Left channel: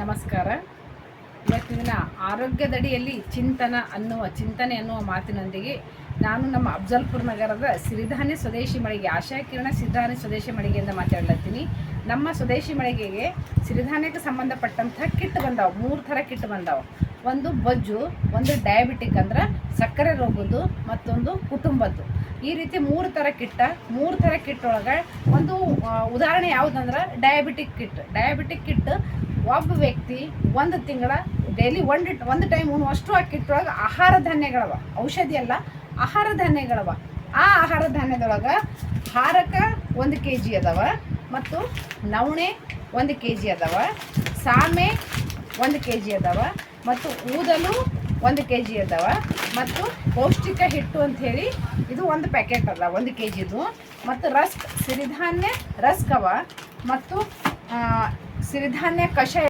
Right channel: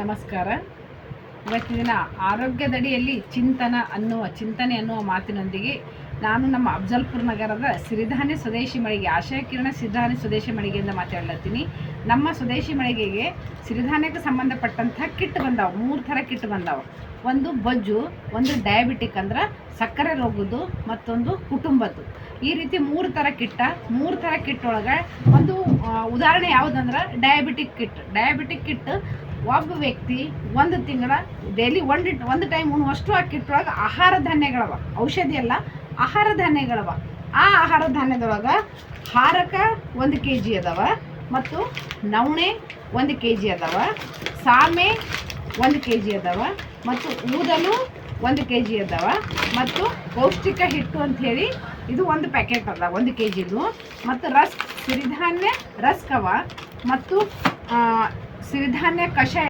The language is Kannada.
ನಮಸ್ಕಾರ. ಇವತ್ತಿನ ದಿನ ಆರೋಗ್ಯದಡಿಯಲ್ಲಿ ಚಿಂತನ ಅನ್ನುವ, ಚಿಂತನೆ ಅನ್ನುವ ಮಾತಿನೊಂದಿಗೆ ನಾನು ನಮ್ಮ ಅಬ್ಜಲ್ಪುರ್ ನಗರದ ಸಿರಿಧಾನ್ಯ ಸ್ವದೇಶಿ ಮಳಿಗೆ, ಆಶಯ ಕಿರಣ ಸಿರಿಧಾನ್ಯ ಸ್ವದೇಶಿ ಮಳಿಗೆಯಿಂದ ಮಾತಾಡ್ಲತ್ತೀನಿ. ನಮ್ಮ ಸ್ವದೇಶಿ ಮಳಿಗೆಗೆ ಸಿರಿಧಾನ್ಯಕ್ಕೆ ಸಂಬಂಧಪಟ್ಟಂಥ ಕಿಟ್ ಬಂದಾವೆ, ಮೂರು ಥರ ಕಿಟ್ ಬಂದಾವ. ಒಂದು ಬಜ್ಜು, ಒಂದು ಡಯಾಬಿಟಿಕ್ ಅಂದ್ರೆ ಸಕ್ಕರೆ ರೋಗದ್ದು, ಮತ್ತೊಂದು ಕುಟುಂಬದ್ದು. ಈ ರೀತಿ ಮೂರು ಥರ ಕಿಟ್ಟ, ಮೂರು ಥರ ಕಿಟ್ ಒಳಗೆ ಒಂದು ಉದಾಹರಣೆ ಯಾವುದಂದ್ರೆ ಡಯಾಬಿಟಿಕ್ ಕಿಟ್. ಡಯಾಬಿಟಿಕ್ ಕಿಟ್ ಒಬ್ಬ ವ್ಯಕ್ತಿ ಒಂದು ತಿಂಗಳ ಡೈಲಿ ಒಂದು ಒಂದು ಟೈಮ್ ಉಣ್ಣುವಷ್ಟು ಅಕ್ಕಿಟ್ಟೊಳಗೆ ಕಿಟ್ ಆಹಾರ ಧಾನ್ಯಗಳವ. ಔಷಧಿ ಅಲ್ಲ, ಆಹಾರ ಧಾನ್ಯಗಳವ. ಆ ಆಹಾರ ಧಾನ್ಯದೊಳಗೆ ಹಾರಕ ಒಂದು ಕೆ ಜಿ ಅದಾವ ಮತ್ತು ನವಣೆ ಒಂದು ಕೆ ಜಿ ಅದಾವ, ಸಾಮೆ ಒಂದು ಕೆ ಜಿ ಅದಾವ ಮತ್ತು ಊದಲು ಒಂದು ಕೆ ಜಿ ಅದಾವ ಮತ್ತು ಪೌಷ್ಟಿಕ ಹಿಟ್ಟು ಅಂತ ಹೇಳಿ ಇದು ಒಂದು ಪ್ಯಾಕೆಟ್ ಅದ ಒಂದು ಕೆ ಜಿದು ಮತ್ತು ರಸ್ಕ್ ಸಿರಿಧಾನ್ಯ ರಸ್ಕ್ ಅವ ಮತ್ತು ಆ, ಸಿರಿಧಾನ್ಯ ಕಷಾಯ